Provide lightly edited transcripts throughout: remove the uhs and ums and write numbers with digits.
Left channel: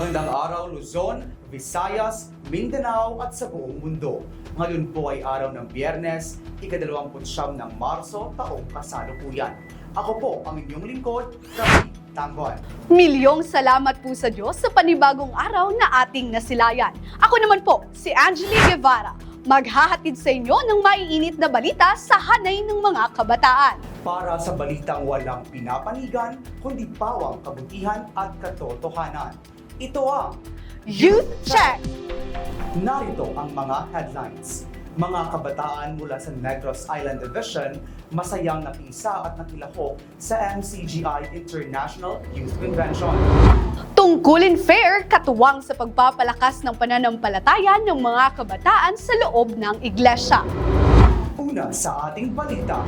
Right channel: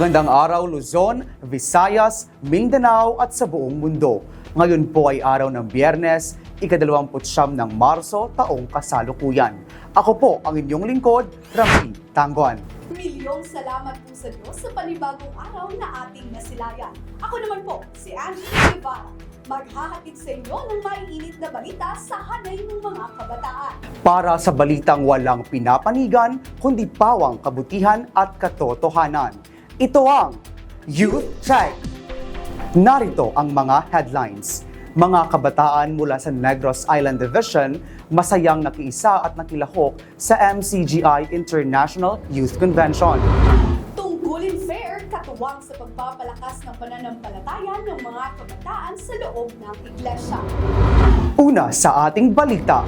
Magandang araw Luzon, Visayas, Mindanao at sa buong mundo. Ngayon po ay araw ng Biyernes, ika-29 ng Marso, taong kasalukuyan. Ako po ang inyong lingkod, Rafi Tangon. Milyong salamat po sa Diyos sa panibagong araw na ating nasilayan. Ako naman po, si Angelique Guevara, maghahatid sa inyo ng maiinit na balita sa hanay ng mga kabataan. Para sa balitang walang pinapanigan, kundi pawang kabutihan at katotohanan. Ito ang Youth Check! Narito ang mga headlines. Mga kabataan mula sa Negros Island Division, masayang nakiisa at nakilahok sa MCGI International Youth Convention. Tungkulin fair, katuwang sa pagpapalakas ng pananampalataya ng mga kabataan sa loob ng iglesia. Una sa ating balita.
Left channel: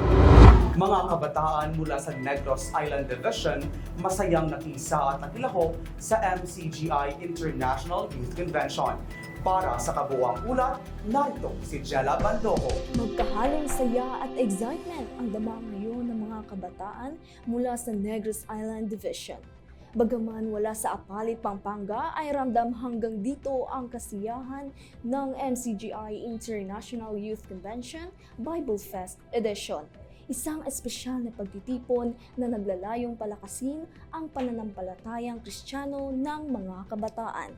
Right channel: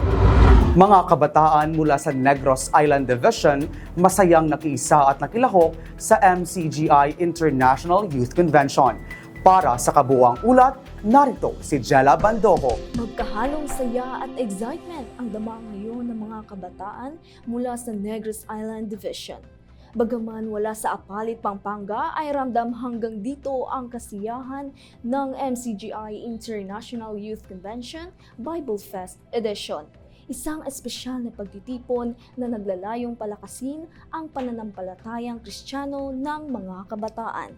Mga kabataan mula sa Negros Island Division, masayang nakiisa at nakilahok sa MCGI International Youth Convention. Para sa kabuuang ulat, narito si Jella Bandojo. Magkahalong saya at excitement ang dama ngayon ng mga kabataan mula sa Negros Island Division. Bagaman wala sa Apalit, Pampanga, ay ramdam hanggang dito ang kasiyahan ng MCGI International Youth Convention Bible Fest Edition. Isang espesyal na pagtitipon na naglalayong palakasin ang pananampalatayang Kristiyano ng mga kabataan.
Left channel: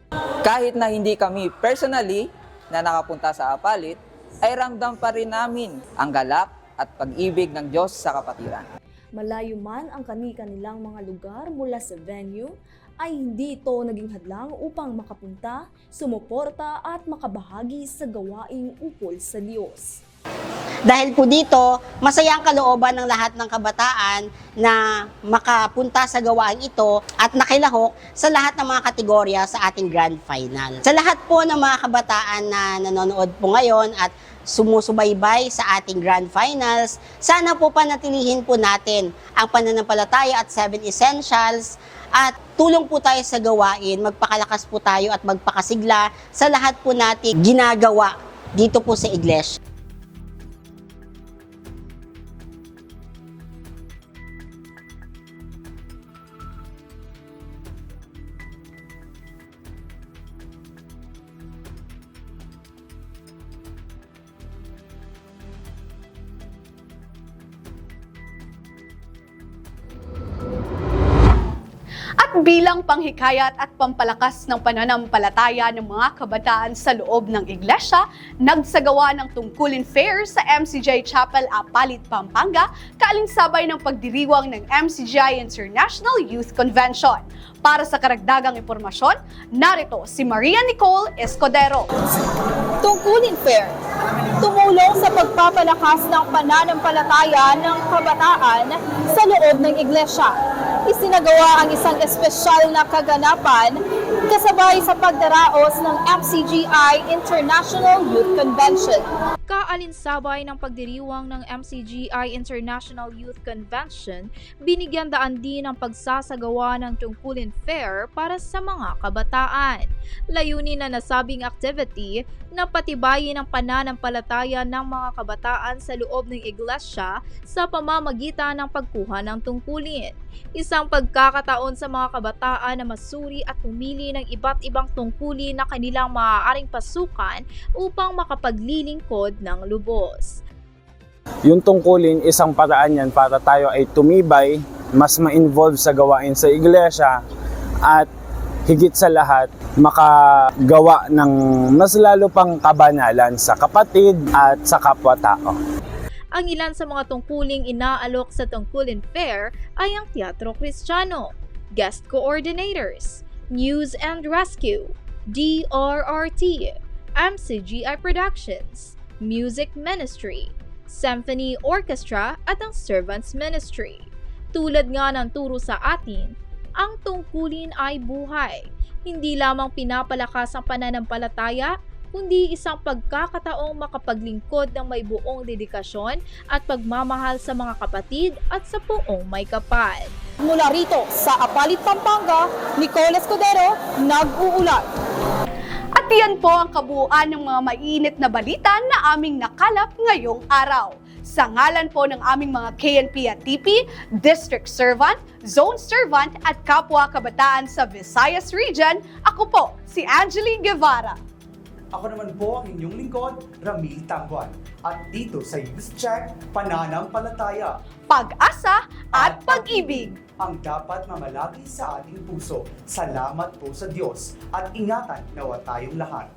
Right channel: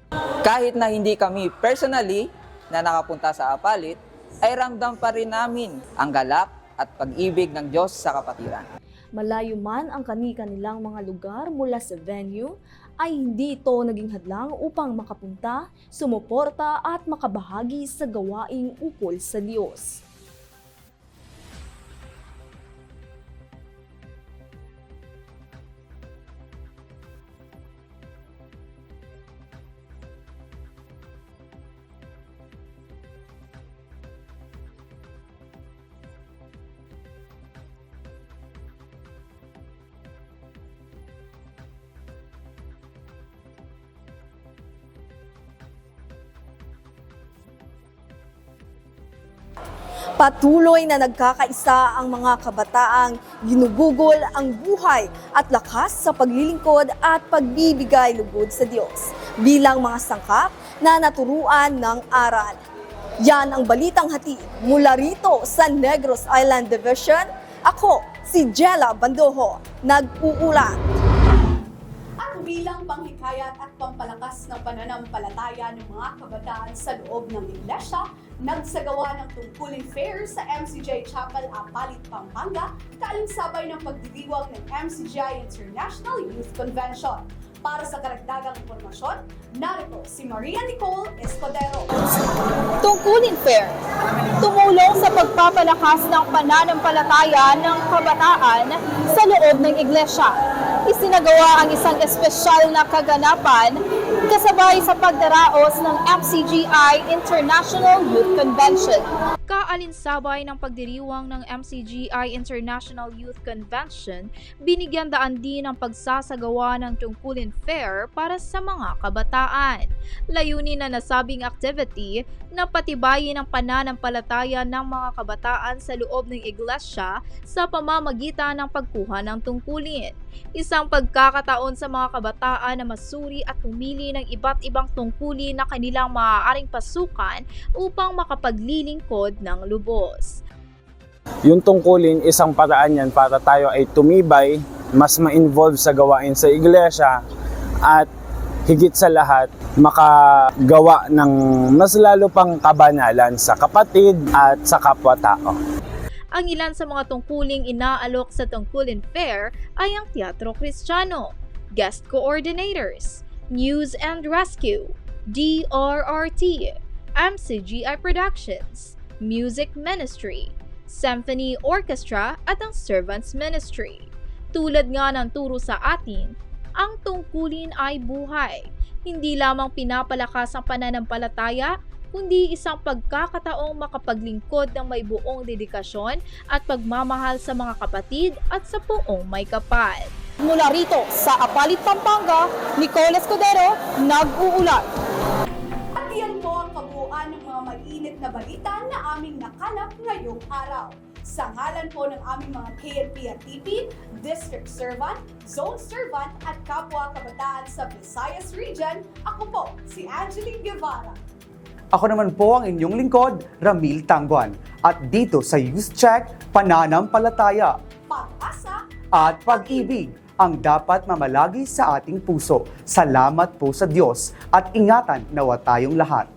Kahit na hindi kami personally na nakapunta sa Apalit, ay ramdam pa rin namin ang galak at pag-ibig ng Diyos sa kapatiran. Malayo man ang kani-kanilang mga lugar mula sa venue, ay hindi ito naging hadlang upang makapunta, sumuporta at makabahagi sa gawaing ukol sa Diyos. Dahil po dito, masaya ang kalooban ng lahat ng kabataan na makapunta sa gawain ito at nakilahok sa lahat ng mga kategorya sa ating grand final. Sa lahat po ng mga kabataan na nanonood po ngayon at sumusubaybay sa ating grand finals, sana po panatilihin po natin ang pananampalataya at 7 essentials at tulong po tayo sa gawain, magpakalakas po tayo at magpakasigla sa lahat po natin ginagawa dito po sa iglesia. Patuloy na nagkakaisa ang mga kabataang ginugugol ang buhay at lakas sa paglilingkod at pagbibigay lugod sa Diyos bilang mga sangkap na naturuan ng aral. Yan ang balitang hatid mula rito sa Negros Island Division. Ako, si Jella Bandojo, nag-uulat. At bilang panghikayat at pampalakas ng pananampalataya ng mga kabataan sa loob ng iglesia, nagsagawa ng tungkulin fair sa MCGI Chapel, Apalit, Pampanga, kaalinsabay ng pagdiriwang ng MCGI International Youth Convention. Para sa karagdagang impormasyon, narito si Maria Nicole Escudero. Tungkulin fair, tumulong sa pagpapalakas ng pananampalataya ng kabataan sa loob ng iglesia. Isinagawa ang isang espesyal na kaganapan kasabay sa pagdaraos ng MCGI International Youth Convention. Kaalinsabay ng pagdiriwang ng MCGI International Youth Convention, binigyan daan din ang pagsasagawa ng tungkulin fair para sa mga kabataan. Layunin na nasabing activity na patibayin ang pananampalataya ng mga kabataan sa loob ng iglesia sa pamamagitan ng pagkuha ng tungkulin. Isang pagkakataon sa mga kabataan na masuri at pumili ng iba't ibang tungkulin na kanilang maaaring pasukan upang makapaglilingkod ng lubos. Yung tungkulin, isang paraan yan para tayo ay tumibay, mas ma-involve sa gawain sa iglesia at higit sa lahat, makagawa ng mas lalo pang kabanalan sa kapatid at sa kapwa-tao. Ang ilan sa mga tungkuling inaalok sa tungkulin fair ay ang Teatro Kristiyano, Guest Coordinators, News and Rescue, DRRT, MCGI Productions, Music Ministry, Symphony Orchestra at ang Servants Ministry. Tulad nga ng turo sa atin, ang tungkulin ay buhay. Hindi lamang pinapalakas ang pananampalataya, kundi isang pagkakataong makapaglingkod ng may buong dedikasyon at pagmamahal sa mga kapatid at sa buong may kapal. Mula rito sa Apalit, Pampanga, Nicole Escudero, nag-uulat. At yan po ang kabuuan ng mga mainit na balita na aming nakalap ngayong araw. sa ngalan po ng aming mga KNP at TP, District Servant, Zone Servant at kapwa kabataan sa Visayas Region, ako po si Angeline Guevara. Ako naman po ang inyong lingkod, Ramil Tangguan. At dito sa Youth Check, pananampalataya Pag-asa at pag-ibig ang dapat mamalagi sa ating puso. Salamat po sa Diyos at ingatan nawa tayong lahat.